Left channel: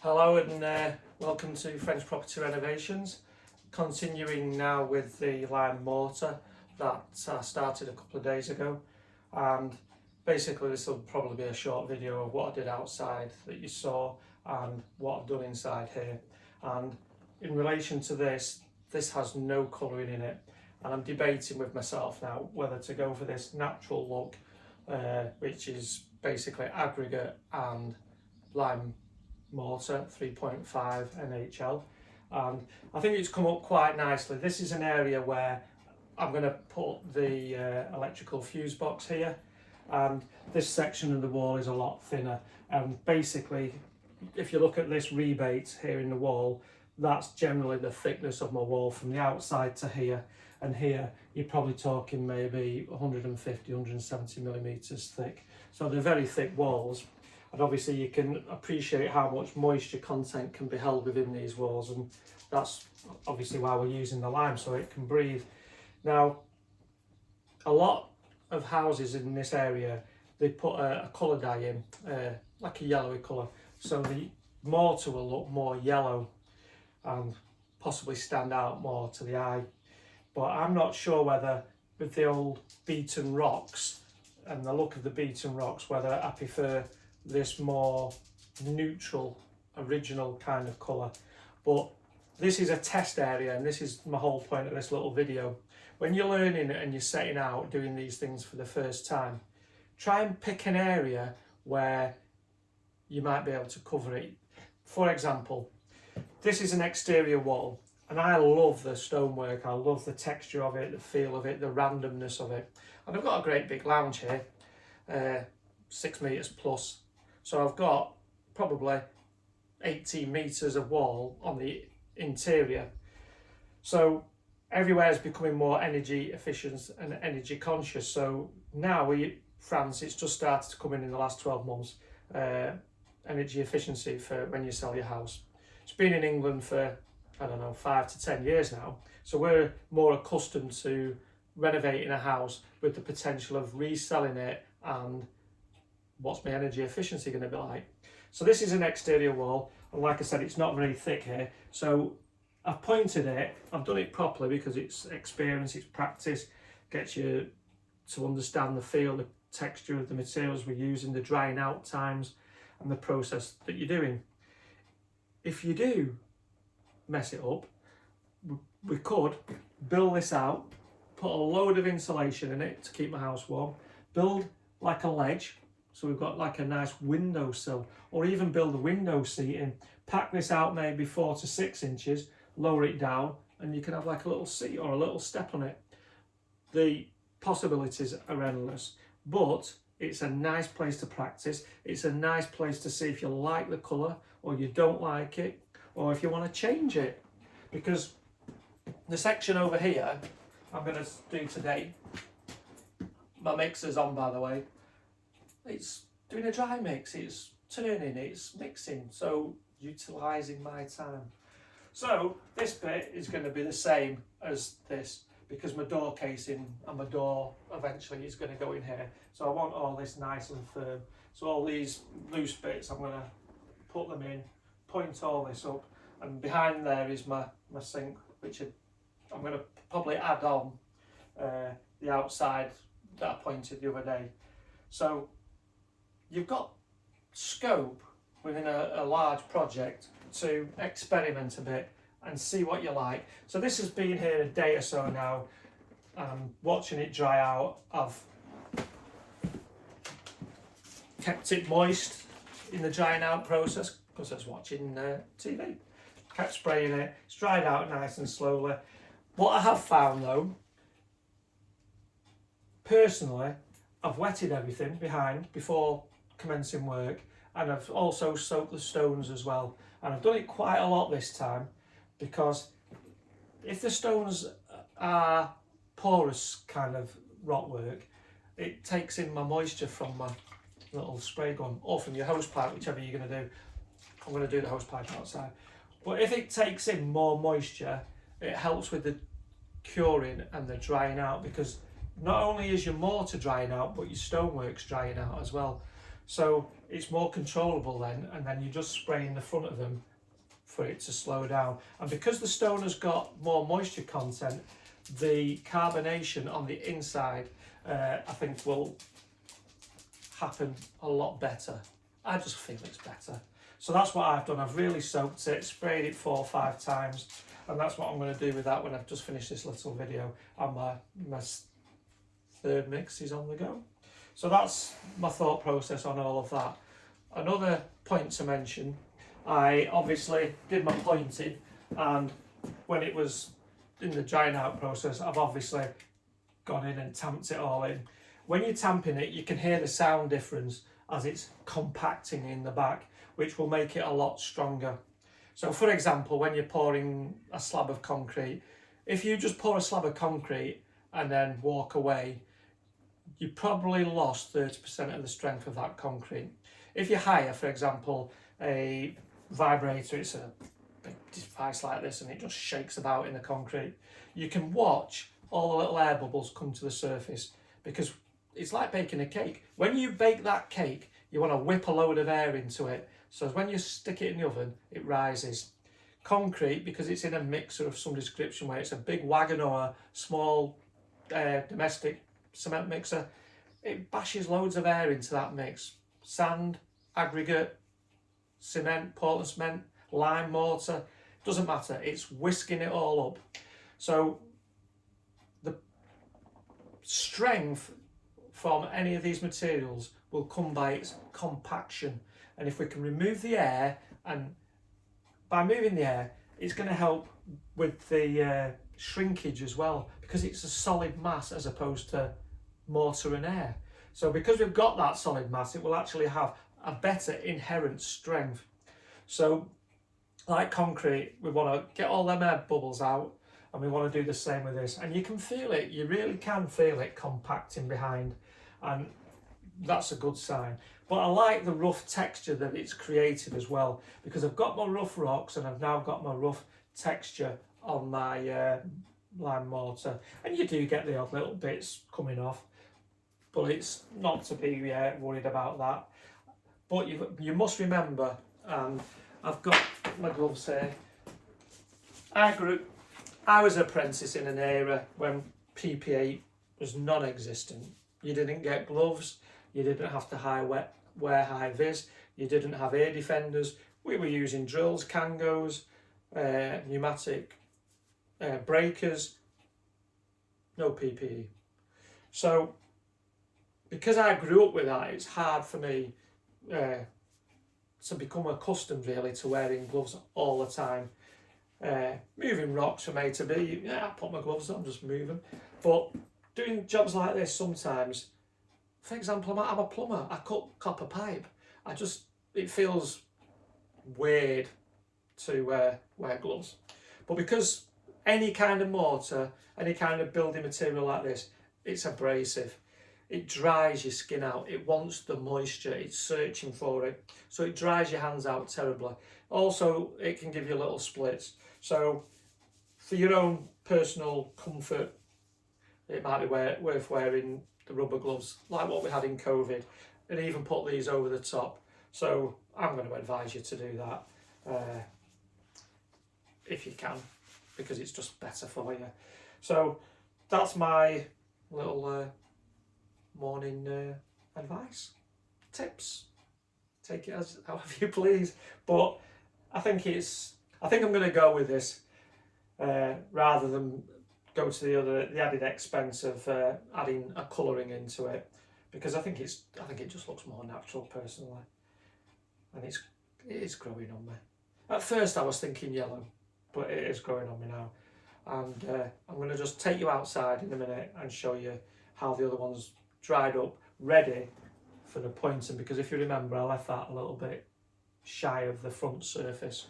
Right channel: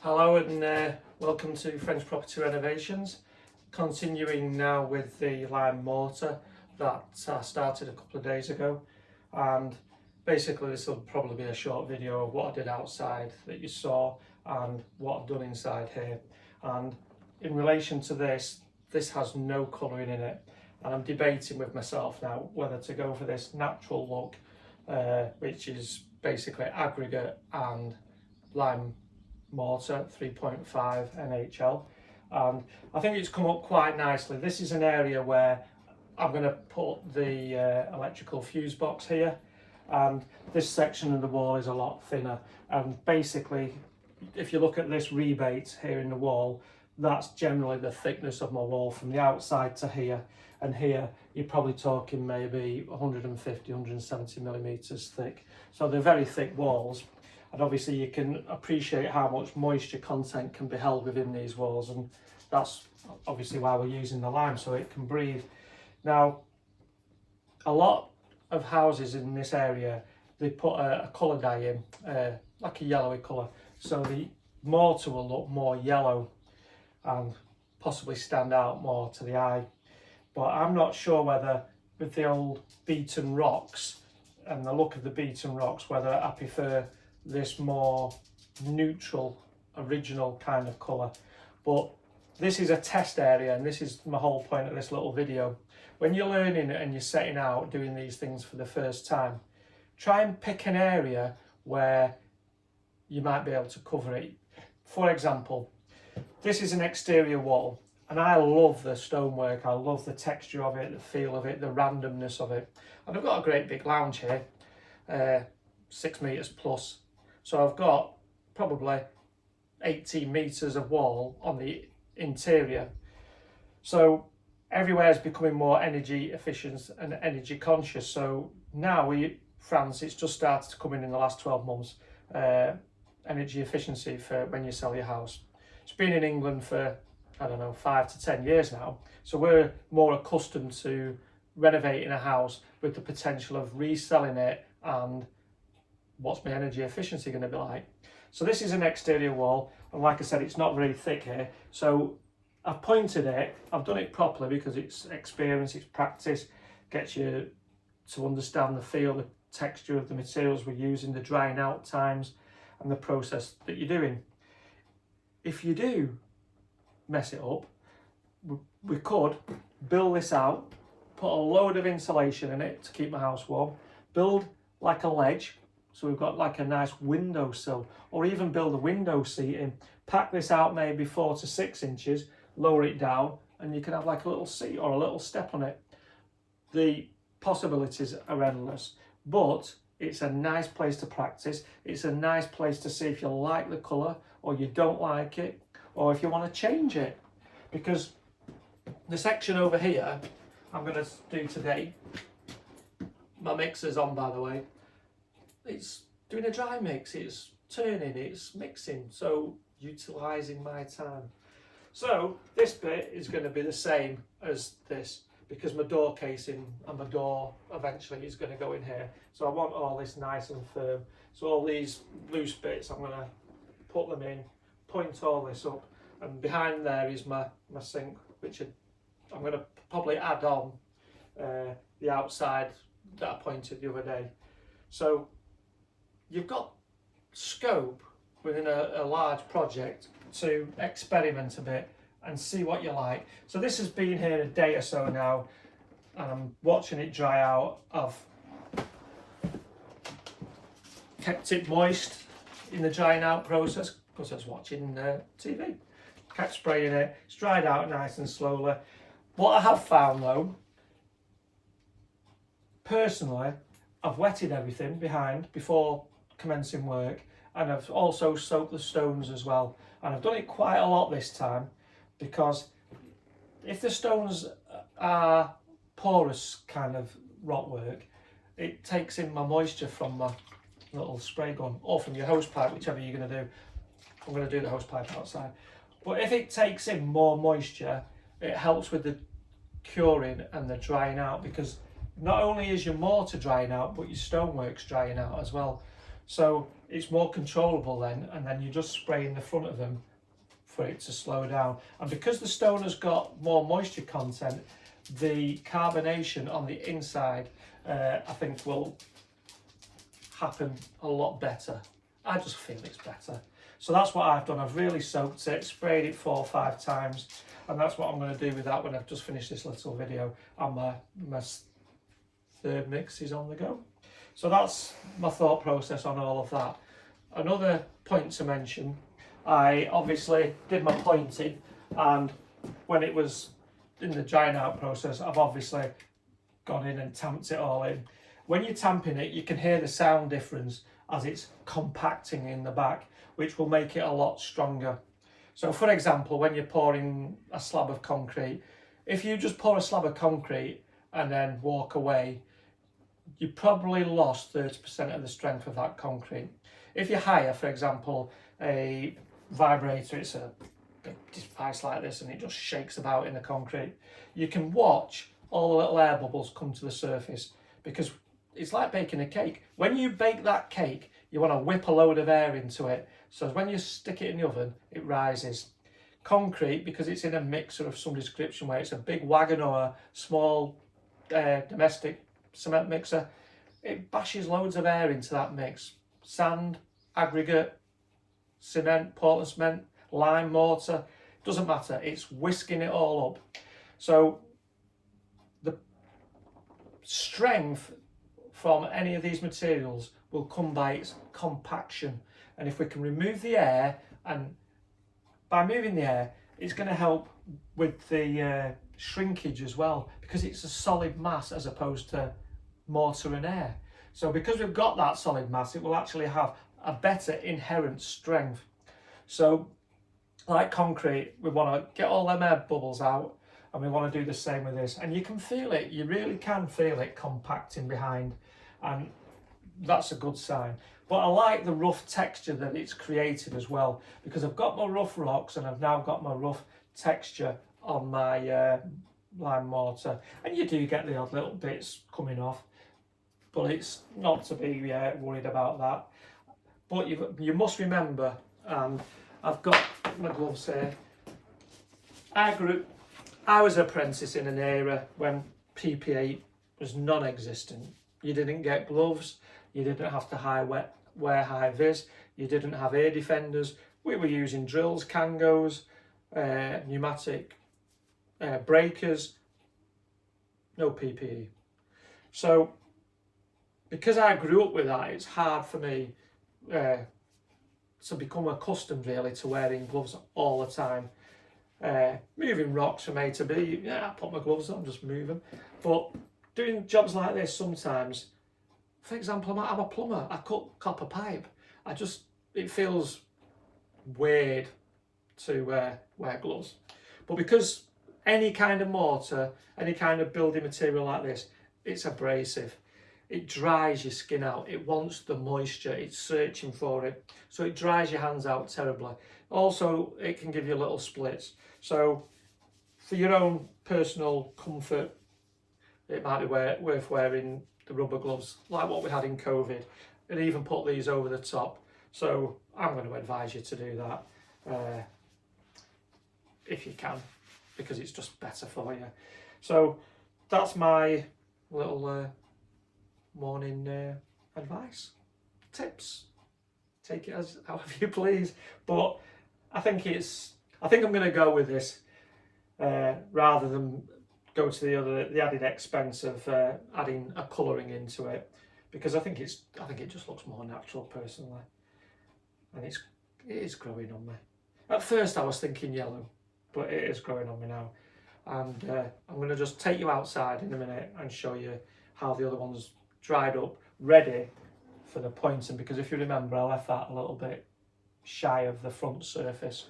Hello and welcome to French Property Renovations. Continuing now with the lime mortar that I started a couple of days ago, and basically this will probably be a short video of what I did outside that you saw and what I've done inside here. And in relation to this has no colouring in it, and I'm debating with myself now whether to go for this natural look, which is basically aggregate and lime mortar 3.5 NHL, and I think it's come up quite nicely. This is an area where I'm going to put the electrical fuse box here, and this section of the wall is a lot thinner, and basically if you look at this rebate here in the wall, that's generally the thickness of my wall from the outside to here, and here you're probably talking maybe 150-170 millimeters thick, so they're very thick walls. And obviously you can appreciate how much moisture content can be held within these walls, and that's obviously why we're using the lime, so it can breathe. Now, a lot of houses in this area, they put a colour dye in, like a yellowy colour, so the mortar will look more yellow and possibly stand out more to the eye. But I'm not sure whether with the old beaten rocks and the look of the beaten rocks, whether I prefer this more neutral original kind of colour. But this is a test area, and this is my whole point of this little video. When you're learning and you're setting out doing these things for the first time, try and pick an area where you might be able to cover it. For example, this is an exterior wall, and I love the stonework, I love the texture of it, the feel of it, the randomness of it. And I've got a great big lounge here, 6 meters plus. So I've got probably 18 meters of wall on the interior. So everywhere is becoming more energy efficient and energy conscious. So now France, it's just started to come in the last 12 months, energy efficiency for when you sell your house. It's been in England for, I don't know, 5 to 10 years now. So we're more accustomed to renovating a house with the potential of reselling it, and what's my energy efficiency going to be like. So this is an exterior wall, and like I said, it's not very thick here, so I've pointed it, I've done it properly because it's experience, it's practice, gets you to understand the feel, the texture of the materials we're using, the drying out times and the process that you're doing. If you do mess it up, we could build this out, put a load of insulation in it to keep my house warm, build like a ledge, so we've got like a nice windowsill, or even build a window seating, pack this out maybe 4 to 6 inches, lower it down, and you can have like a little seat or a little step on it. The possibilities are endless, but it's a nice place to practice. It's a nice place to see if you like the colour or you don't like it, or if you want to change it. Because the section over here I'm going to do today, my mixer's on by the way, it's doing a dry mix, it's turning, it's mixing, so utilising my time. So this bit is going to be the same as this, because my door casing and my door eventually is going to go in here. So I want all this nice and firm. So all these loose bits, I'm going to put them in, point all this up, and behind there is my sink, which I'm going to probably add on the outside that I pointed the other day. So you've got scope within a large project to experiment a bit and see what you like. So this has been here a day or so now, and I'm watching it dry out. I've kept it moist in the drying out process because I was watching TV. Kept spraying it, it's dried out nice and slowly. What I have found though, personally, I've wetted everything behind before commencing work, and I've also soaked the stones as well, and I've done it quite a lot this time, because if the stones are porous kind of rot work, it takes in my moisture from my little spray gun or from your hose pipe, whichever you're going to do. I'm going to do the hose pipe outside, but if it takes in more moisture, it helps with the curing and the drying out, because not only is your mortar drying out, but your stonework's drying out as well. So it's more controllable then, and then you just spray in the front of them for it to slow down. And because the stone has got more moisture content, the carbonation on the inside I think will happen a lot better. I just feel it's better. So that's what I've done. I've really soaked it, sprayed it 4 or 5 times, and that's what I'm going to do with that when I've just finished this little video, and my third mix is on the go. So that's my thought process on all of that. Another point to mention, I obviously did my pointing, and when it was in the drying out process, I've obviously gone in and tamped it all in. When you're tamping it, you can hear the sound difference as it's compacting in the back, which will make it a lot stronger. So for example, when you're pouring a slab of concrete, if you just pour a slab of concrete and then walk away, you probably lost 30% of the strength of that concrete. If you hire, for example, a vibrator, it's a big device like this and it just shakes about in the concrete, you can watch all the little air bubbles come to the surface, because it's like baking a cake. When you bake that cake, you want to whip a load of air into it, so when you stick it in the oven, it rises. Concrete, because it's in a mixer of some description, where it's a big wagon or a small domestic cement mixer, it bashes loads of air into that mix. Sand, aggregate, cement, Portland cement, lime mortar, doesn't matter, it's whisking it all up. So the strength from any of these materials will come by its compaction, and if we can remove the air, and by moving the air, it's going to help with the shrinkage as well, because it's a solid mass as opposed to mortar and air. So because we've got that solid mass, it will actually have a better inherent strength. So like concrete, we want to get all them air bubbles out, and we want to do the same with this, and you can feel it, you really can feel it compacting behind, and that's a good sign. But I like the rough texture that it's created as well, because I've got my rough rocks and I've now got my rough texture on my lime mortar, and you do get the odd little bits coming off, but it's not to be worried about that. But you must remember, and I've got my gloves here, I was an apprentice in an era when PPE was non-existent. You didn't get gloves, you didn't have to wear high vis, you didn't have air defenders. We were using drills, kangos, pneumatic breakers, no PPE. So because I grew up with that, it's hard for me to become accustomed really to wearing gloves all the time. Moving rocks from A to B, yeah, I put my gloves on, just move them. But doing jobs like this sometimes, for example, I'm a plumber, I cut copper pipe. It feels weird to wear gloves. But because any kind of mortar, any kind of building material like this, it's abrasive. It dries your skin out. It wants the moisture. It's searching for it. So it dries your hands out terribly. Also, it can give you little splits. So for your own personal comfort, it might be worth wearing the rubber gloves like what we had in COVID, and even put these over the top. So I'm going to advise you to do that if you can, because it's just better for you. So that's my little morning advice, tips. Take it as however you please, but I think I'm going to go with this rather than go to the added expense of adding a colouring into it, because I think it just looks more natural personally, and it is growing on me. At first I was thinking yellow, but it is growing on me now, and I'm going to just take you outside in a minute and show you how the other one's dried up, ready for the pointing, because if you remember, I left that a little bit shy of the front surface.